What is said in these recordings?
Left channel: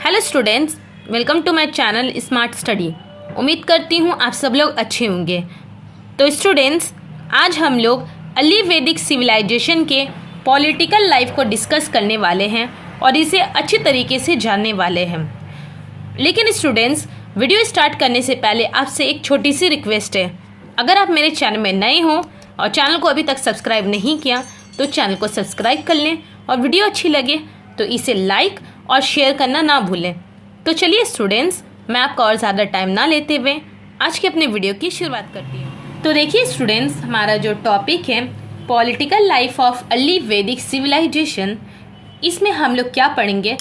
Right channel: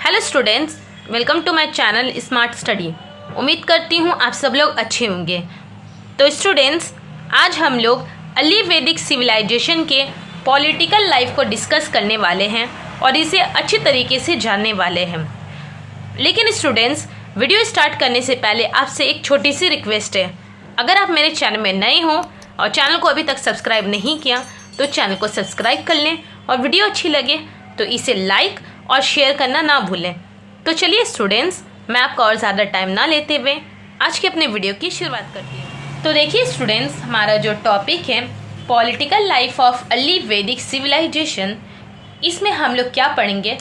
Hello students, welcome to my channel smart study. उम्मीद करती हूँ आप सब लोग अच्छे होंगे। तो स्टूडेंट्स, आज हम लोग अर्ली वैदिक सिविलाइजेशन के पॉलिटिकल लाइफ को डिस्कस करने वाले हैं और इसे अच्छी तरीके से जानने वाले हैं। लेकिन स्टूडेंट्स, वीडियो स्टार्ट करने से पहले आपसे एक छोटी सी रिक्वेस्ट है। अगर आप मेरे चैनल में नए हो और चैनल को अभी तक सब्सक्राइब नहीं किया तो चैनल को सब्सक्राइब कर लें और वीडियो अच्छी लगे तो इसे लाइक और शेयर करना ना भूलें। तो चलिए स्टूडेंट्स, मैं आपका और ज़्यादा टाइम ना लेते हुए आज के अपने वीडियो की शुरुआत करती हूँ। तो देखिए स्टूडेंट्स, हमारा जो टॉपिक है पॉलिटिकल लाइफ ऑफ अर्ली वैदिक सिविलाइजेशन, इसमें हम लोग क्या पढ़ेंगे?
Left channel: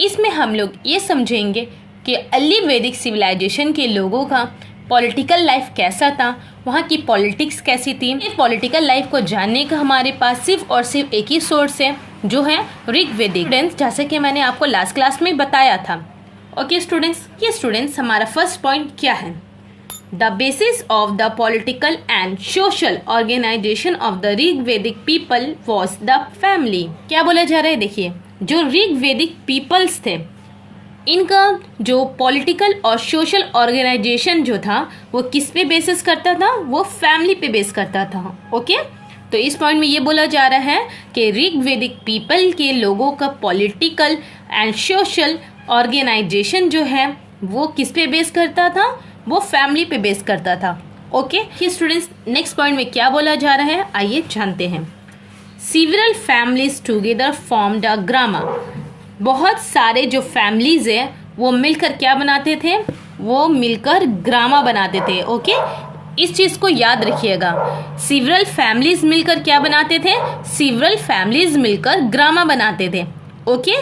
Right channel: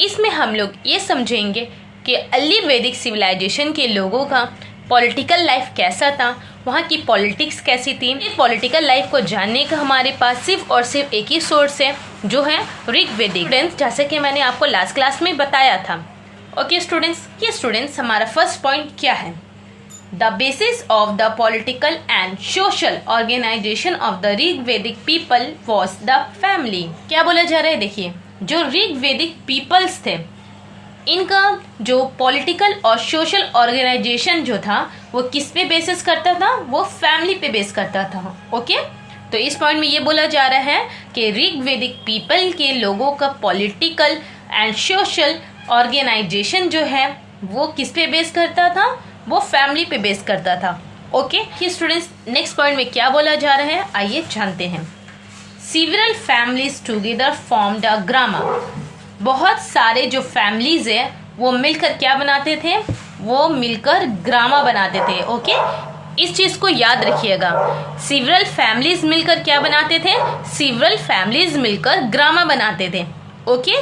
इसमें हम लोग ये समझेंगे कि अर्ली वैदिक सिविलाइजेशन के लोगों का पॉलिटिकल लाइफ कैसा था, वहाँ की पॉलिटिक्स कैसी थी। इस पॉलिटिकल लाइफ को जानने का हमारे पास सिर्फ और सिर्फ एक ही सोर्स है, जो है ऋग्वेदिक। स्टूडेंट्स, जैसे कि मैंने आपको लास्ट क्लास में बताया था। ओके स्टूडेंट्स, ये स्टूडेंट्स हमारा फर्स्ट पॉइंट क्या है? The basis of the political and social organisation of the Rigvedic people was the family. क्या बोला जा रहा है? देखिए, जो ऋग्वेदिक पीपल्स थे, इनका जो पॉलिटिकल और सोशल ऑर्गेनाइजेशन जो था वो किस पे बेसिस करता था? वो फैमिली पे बेस करता था। ओके, तो इस पॉइंट में ये बोला जा रहा है कि ऋग्वेदिक पीपल के लोगों का पॉलिटिकल एंड सोशल ऑर्गेनाइजेशन जो है वो किस पे बेस करता था? वो फैमिली पे बेस करता था। ओके स्टूडेंट्स, नेक्स्ट पॉइंट में क्या बोला जा रहा है, आइए जानते हैं। Several families together formed a grama. बहुत सारे जो फैमिलीज है वो मिलकर क्या बनाते थे? वो मिलकर ग्रामा बनाते थे। ओके, इस चीज को याद रखिएगा। सीवरल फैमिलीज मिलकर क्या बनाते थे? सीवरल फैमिलीज मिलकर ग्रामा बनाते थे। ओके,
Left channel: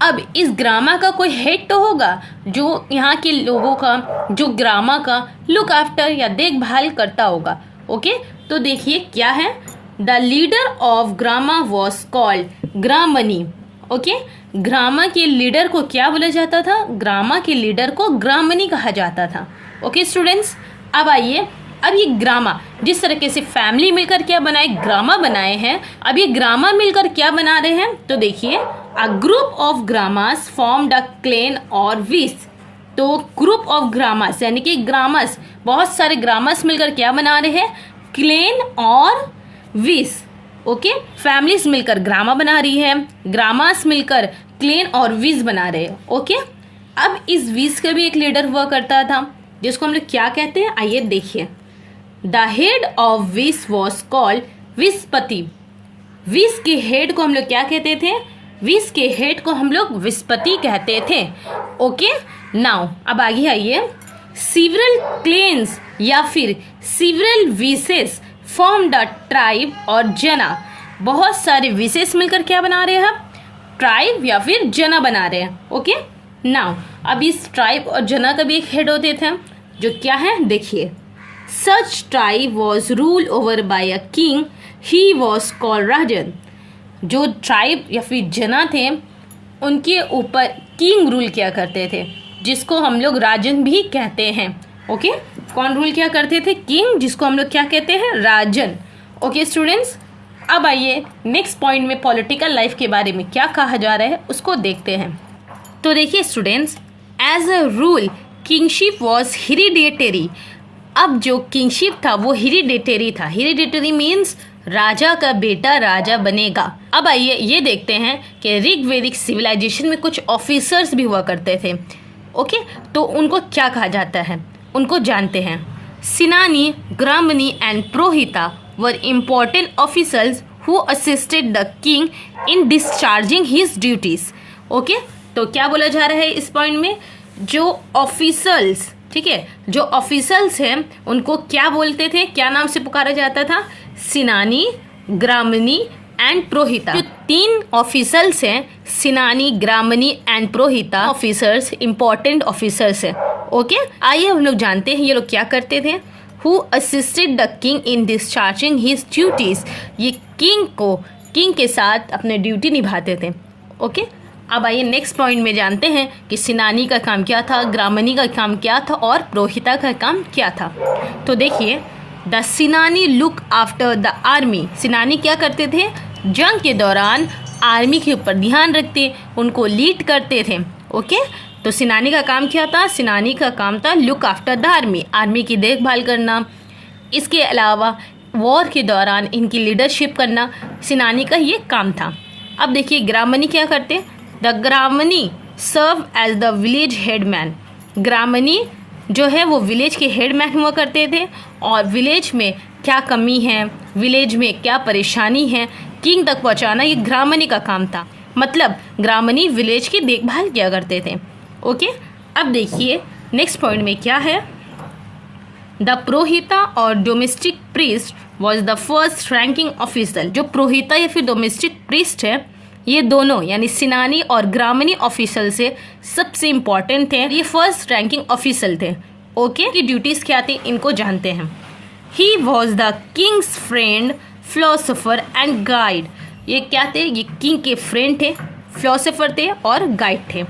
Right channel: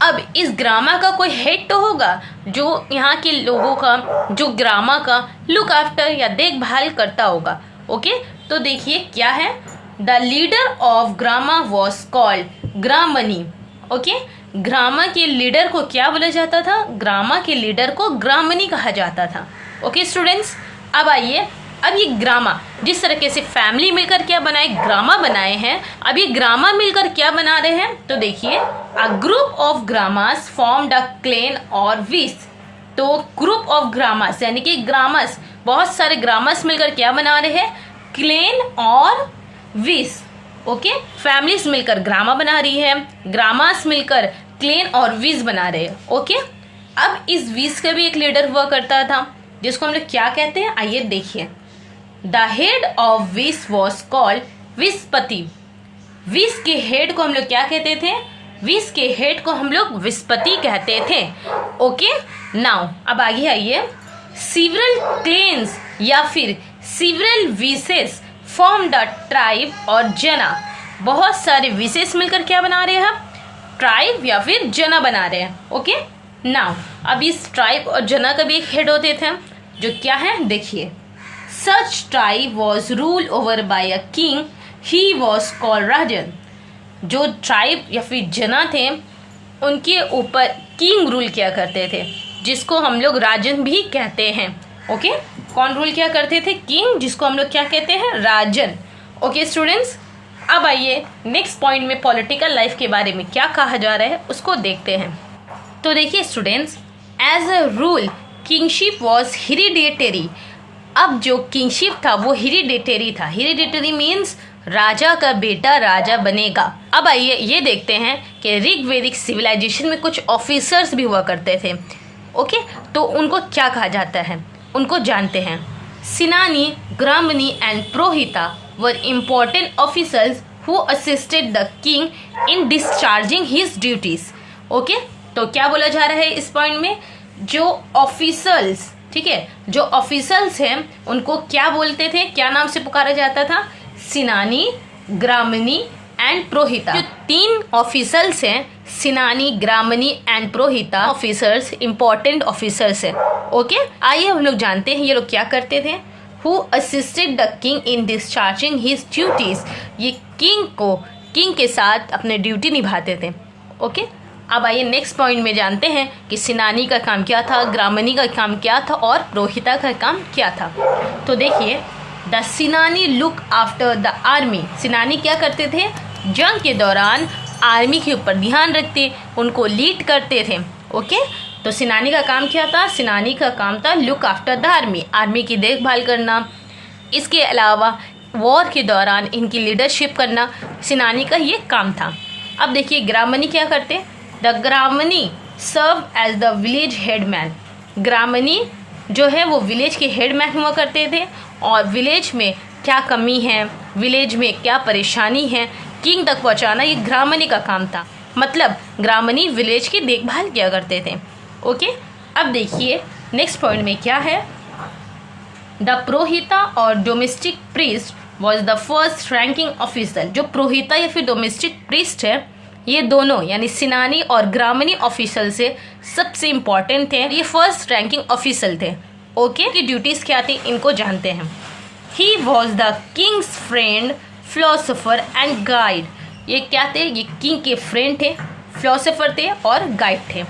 अब इस ग्रामा का कोई हेड तो होगा जो यहाँ के लोगों का, जो ग्रामा का लुक आफ्टर या देखभाल करता होगा। ओके, तो देखिए क्या है, the leader of grama was called gramani. Okay, grama के लीडर को क्या बोला जाता था? ग्रामा के लीडर को ग्रामनी कहा जाता था। ओके स्टूडेंट्स, अब आइए, अब ये ग्रामा जिस तरीके से फैमिली मिलकर क्या बनाए? ग्रामा बनाए हैं। अब ये ग्रामा मिलकर क्या बना रहे हैं? तो देखिए, a group of gramas formed a clan और विस। तो ग्रुप ऑफ ग्रामास यानी कि ग्रामस, बहुत सारे ग्रामस मिलकर क्या बना रहे हैं? क्लेन और विस। ओके, फैमिलीज मिलकर ग्रामा बना रही है, ग्रामास मिलकर क्लेन और विस बना रहे हैं। ओके, अब इस विस का भी एक लीडर हुआ करता था जिसको हम लोग क्या कहते हैं, आइए देखिए। द हेड ऑफ विस वॉज कॉल्ड विस्पति। विस के हेड को हम लोग क्या कहते थे? विस के हेड को हम लोग विस्पति कहते थे। ओके, नाउ अब आगे आइए। सीवरल क्लेन्स या फिर सीवरल विसेस फॉर्म द ट्राइब और जना। बहुत सारे विशेष मिलकर क्या बना रहे हैं? ट्राइब या फिर जना बना रहे हैं। ओके, नाउ अब इस ट्राइब और जना का भी एक हेड होते थे जो क्या है, देखिए। Such tribe was rule over by a king, he was called rajan. जो ट्राइब या फिर जना थे उनके ऊपर किंग रूल किया करते थे, जिसको हम लोग राजन भी कहते हैं। ओके, कौन रूल क्या करते थे? किंग, जिसको हम लोग क्या कहते हैं? राजन। ओके स्टूडेंट्स, अब आइए नेक्स्ट पॉइंट में पॉलिटिकल लाइफ के बारे में क्या कहा जा रहा है उसको देखते हैं। तो देखिए students, as a rule kingship was hereditary. अब जो किंगशिप था वो हेरिडिटरी था। हेरिडिटरी मीन्स राजा का बेटा राजा बनेगा। अब आइए ये देखते हैं कि ऋग्वेदिक सिविलाइजेशन में कुछ ऑफिसर्स भी हुआ करते थे। ओके, तो उनको क्या कहा जाता है उनको जानते हैं। Senani, gramani and purohita were important officers who assisted the king in discharging his duties. Okay, तो क्या बोला जा रहा है इस पॉइंट में? जो ऑफिसर्स, ठीक है, जो ऑफिसर्स हैं उनको क्या बोलते थे? क्या नाम से पुकारा जाता था? सिनानी, ग्रामनी एंड प्रोहिता। जो तीन ऑफिसर्स हैं, senani, gramani and प्रोहिता, officers important officers हैं। ओके, आइए हम लोग जानते हैं ये लोग क्या करते थे। Who assisted the king in discharging his duties. ये किंग के साथ अपने ड्यूटी निभाते थे। ओके, अब आइए नेक्स्ट पॉइंट में जानते हैं कि सिनानी का काम क्या था, ग्रामनी का काम क्या था और प्रोहिता का काम क्या था। तो देखिए, the senani look after the army. Senani क्या करते थे? जंग के दौरान आर्मी के ऊपर ध्यान रखते, उनको लीड करते थे। ओके, तो सेनानी का काम क्या था? सेनानी का काम था look after the army, army की देखभाल करना। इसके अलावा वॉर के दौरान इनकी लीडरशिप करना सेनानी का ये काम था। अब देखिए ग्रामनी क्या करते? The gramani serve as the village headman. Gramani जो है वो विलेज के हेडमैन हुआ करते थे और विलेज में क्या कमी है, विलेज में क्या परेशानी है, किंग तक पहुंचाना ये ग्रामनी का काम था। मतलब ग्रामनी विलेज की देखभाल किया करते थे। ओके, अब देखिए नेक्स्ट पॉइंट में क्या है? द प्रोहिता और domestic priest was the first ranking officer. जो प्रोहिता या फिर डोमेस्टिक प्रीस्ट है, ये दोनों यानी सेनानी और ग्रामनी ऑफिसर से सबसे इम्पोर्टेंट थे। ये फर्स्ट रैंकिंग ऑफिसर थे। ओके, की ड्यूटीज क्या थी इनको जानते हैं। He was the Kings friend, philosopher and guide. ये क्या थे? ये किंग के फ्रेंड थे, फिलोसोफर थे और गाइड थे।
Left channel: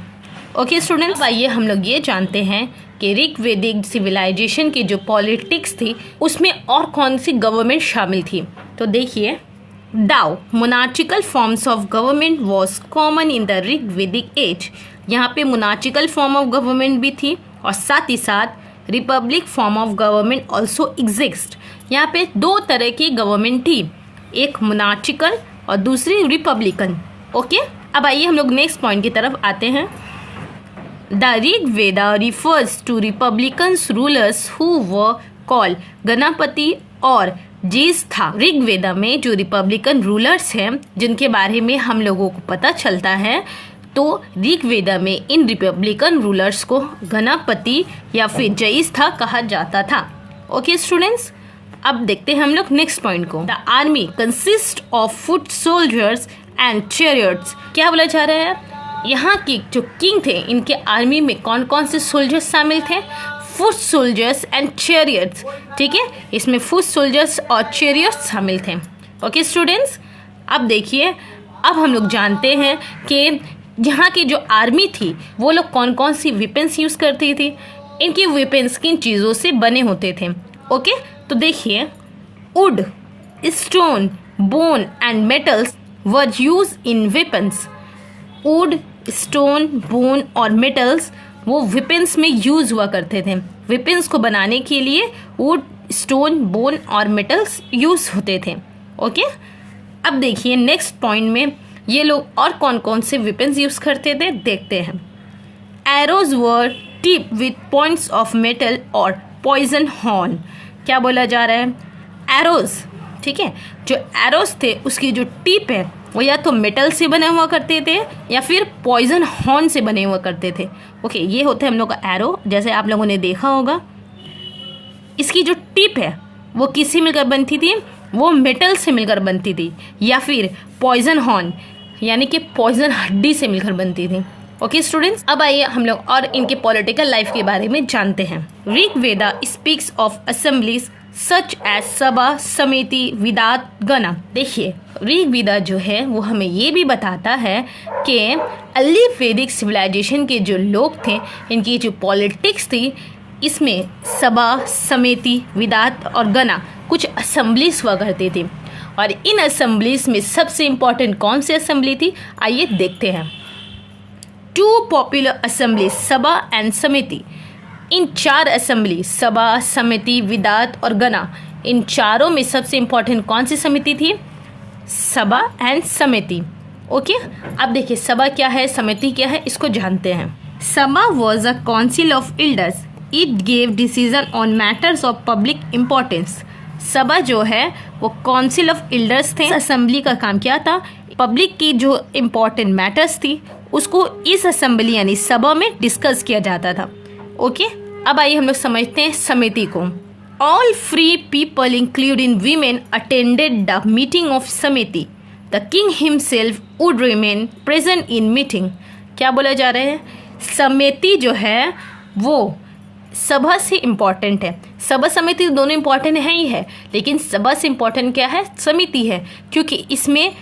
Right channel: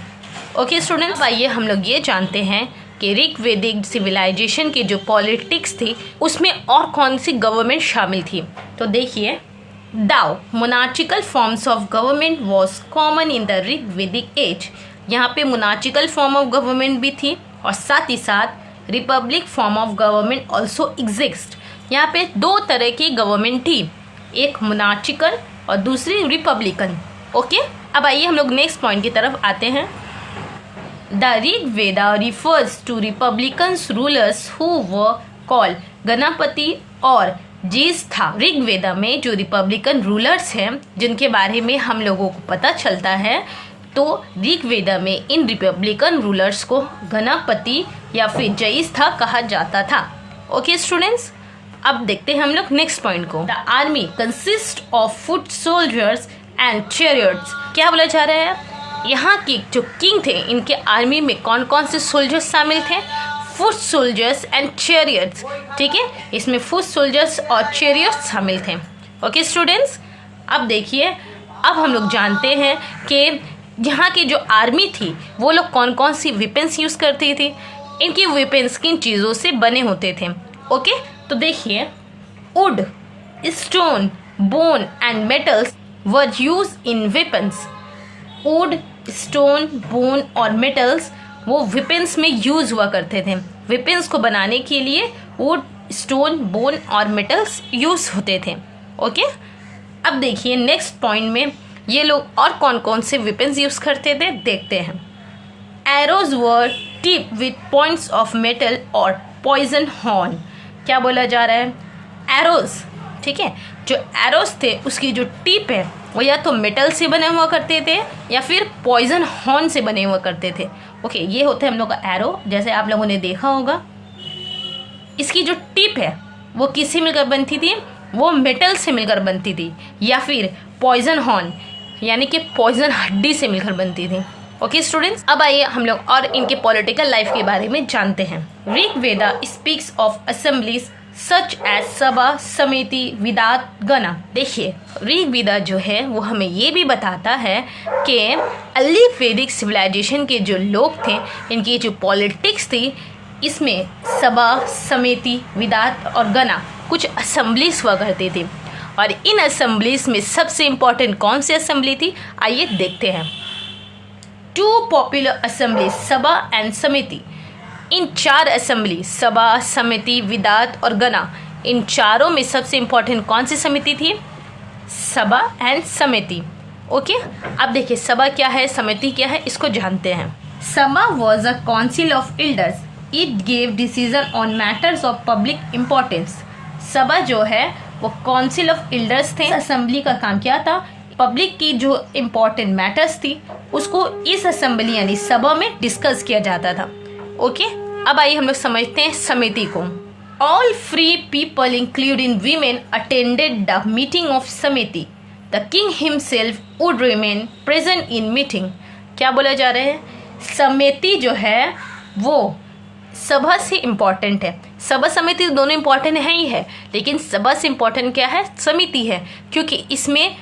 ओके स्टूडेंट्स, आइए हम लोग ये जानते हैं कि ऋग्वेदिक सिविलाइजेशन की जो पॉलिटिक्स थी उसमें और कौन सी गवर्नमेंट शामिल थी। तो देखिए, the monarchical forms of government was common in the Rigvedic age. यहाँ पे मोनार्चिकल फॉर्म ऑफ गवर्नमेंट भी थी और साथ ही साथ Republic form of government also exist. यहाँ पे दो तरह की गवर्नमेंट थी, एक मोनार्चिकल और दूसरी रिपब्लिकन। ओके, अब आइए हम लोग नेक्स्ट पॉइंट की तरफ आते हैं। The Rigveda refers to republicans rulers who were called Ganapati और ज्येष्ठा। ऋग्वेदा में जो रिपब्लिकन रूलर्स हैं जिनके बारे में हम लोगों को पता चलता है, तो ऋग्वेदा में इन रिपब्लिकन रूलर्स को गणपति या फिर ज्येष्ठा कहा जाता था। ओके स्टूडेंट्स, अब देखते हैं हम लोग नेक्स्ट पॉइंट को। The army consist of foot soldiers and chariots. क्या बोला जा रहा है? यहाँ की जो किंग थे इनके आर्मी में कौन कौन से सोल्जर्स शामिल थे? Foot soldiers and chariots. ठीक है, इसमें फुट सोल्जर्स और चैरियट्स शामिल थे। ओके स्टूडेंट्स, अब देखिए, अब हम लोग जानते हैं कि यहाँ की जो आर्मी थी वो लोग कौन कौन सी वेपन्स यूज करती थी। इनकी वेपन्स किन चीज़ों से बने होते थे। ओके, तो देखिए, would, stone, bone and metals were use in weapons. Would, stone, bone और मेटल्स वो वेपन्स में यूज हुआ करते थे। वेपन्स को बनाने के लिए वुड, स्टोन, बोन और मेटल्स यूज होते थे। ओके, अब देखिए नेक्स्ट पॉइंट में ये लोग और कौन कौन से वेपन्स यूज करते थे देखते हैं। Arrows were tip with points of metal और पॉइजन हॉर्न। क्या बोला जा रहा है? एरोज, ठीक है, जो एरोज थे उसकी जो टिप है वो या तो मेटल से बने हुआ करते थे या फिर पॉइजन हॉर्न से बने हुआ करते थे। ओके, ये होते हैं हम लोग का एरो, जैसे आप लोगों ने देखा होगा। इसकी जो टिप है वो किससे मिलकर बनती थी? वो मेटल से मिलकर बनती थी या फिर पॉइजन हॉर्न यानी कि पॉइजन हड्डी से मिलकर बनती थी। ओके स्टूडेंट्स, अब आइए हम लोग और इनके पॉलिटिकल लाइफ के बारे में जानते हैं। Rigveda speaks of assemblies such as sabha, samiti, विदात, गणा। देखिए, ऋग्वेदा जो है वो हमें ये भी बताता है कि अर्ली वैदिक सिविलाइजेशन के जो लोग थे इनकी जो पॉलिटिक्स थी इसमें सभा, समिति, विदात और गणा कुछ असेंबलीज हुआ करती थी। और इन असेंबलीज में सबसे इम्पोर्टेंट कौन सी असेंबली थी आइए देखते हैं। टू पॉपुलर असेंबली, सभा एंड समिति। इन चार असेंबली, सभा, समिति, विदात और गणा, इन चारों में सबसे इम्पोर्टेंट कौन सी समिति थी? सभा एंड समिति। ओके, अब देखिए सभा क्या है, समिति क्या है, इसको जानते हैं। सभा was a council of elders, it gave decision on matters of public importance. सभा जो है वो काउंसिल ऑफ एल्डर्स थे। असेंबली का काम क्या था? पब्लिक की जो इम्पोर्टेंट मैटर्स थी उसको इस असेंबली यानी सभा में डिस्कस किया जाता था। ओके, अब आइए हम लोग समझते हैं समिति को। All free people including women attended the meeting of samiti. The king himself would remain present in meeting. क्या बोला जा रहा है? समिति जो है वो सभा से इम्पोर्टेंट है। सभा समिति दोनों इम्पोर्टेंट है ही है, लेकिन सभा से इम्पोर्टेंट क्या है? समिति है, क्योंकि इसमें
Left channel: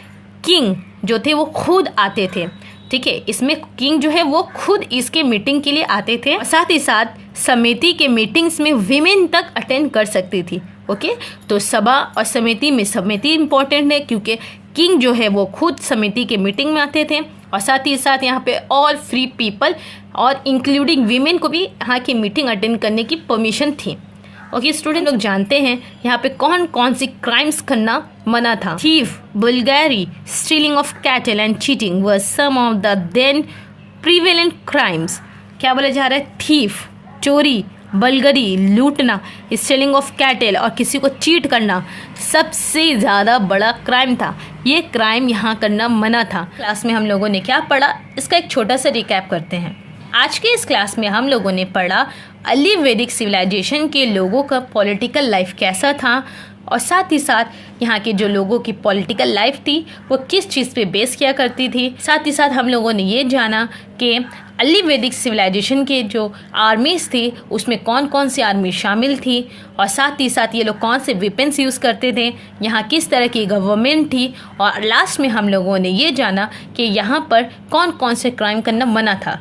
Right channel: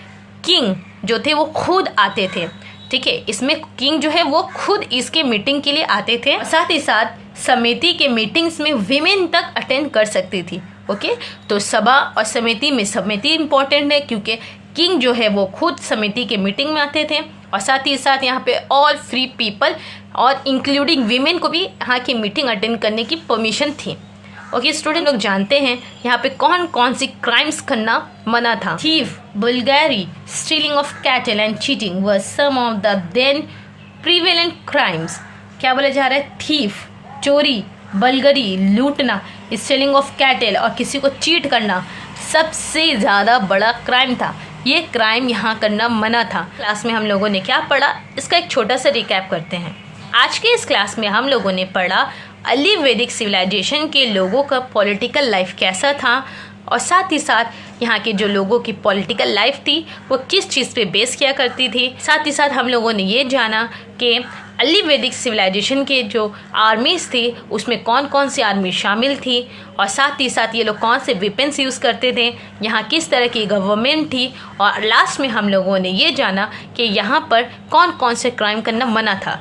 किंग जो थे वो खुद आते थे। ठीक है, इसमें किंग जो है वो खुद इसके मीटिंग के लिए आते थे। साथ ही साथ समिति के मीटिंग्स में विमेन तक अटेंड कर सकती थी। ओके, तो सभा और समिति में समिति इम्पोर्टेंट है क्योंकि किंग जो है वो खुद समिति के मीटिंग में आते थे और साथ ही साथ यहाँ पे ऑल फ्री पीपल और इंक्लूडिंग वीमेन को भी यहाँ की मीटिंग अटेंड करने की परमिशन थी। ओके स्टूडेंट, लोग जानते हैं यहाँ पे कौन कौन सी क्राइम्स करना मना था। Thief, burglary, stealing of cattle and cheating were some of the then prevalent crimes. क्या बोला जा रहा है? थीफ, चोरी, बलगरी, लूटना, स्टीलिंग ऑफ कैटल और किसी को चीट करना सबसे ज़्यादा बड़ा क्राइम था। ये क्राइम यहाँ करना मना था। क्लास में हम लोगों ने क्या पढ़ा, इसका एक छोटा सा रिकैप करते हैं। आज के इस क्लास में हम लोगों ने पढ़ा अर्ली वैदिक सिविलाइजेशन के लोगों का पॉलिटिकल लाइफ कैसा था और साथ ही साथ यहाँ के जो लोगों की पॉलिटिकल लाइफ थी वो किस चीज़ पे बेस किया करती थी। साथ ही साथ हम लोगों ने ये जाना कि अर्ली वैदिक सिविलाइजेशन के जो आर्मीज थी उसमें कौन कौन सी आर्मी शामिल थी और साथ ही साथ ये लोग कौन से वेपन्स यूज़ करते थे, यहाँ किस तरह की गवर्नमेंट थी और लास्ट में हम लोगों ने ये जाना कि यहाँ पर कौन कौन से क्राइम करना मना था।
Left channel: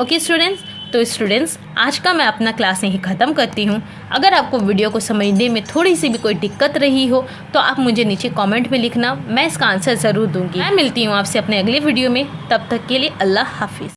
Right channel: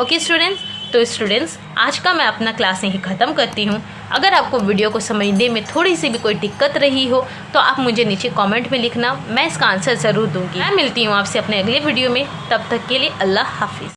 ओके स्टूडेंट्स, तो स्टूडेंट्स आज का मैं अपना क्लास यहीं ख़त्म करती हूँ। अगर आपको वीडियो को समझने में थोड़ी सी भी कोई दिक्कत रही हो तो आप मुझे नीचे कमेंट में लिखना, मैं इसका आंसर ज़रूर दूंगी। मैं मिलती हूँ आपसे अपने अगले वीडियो में, तब तक के लिए अल्लाह हाफिज़।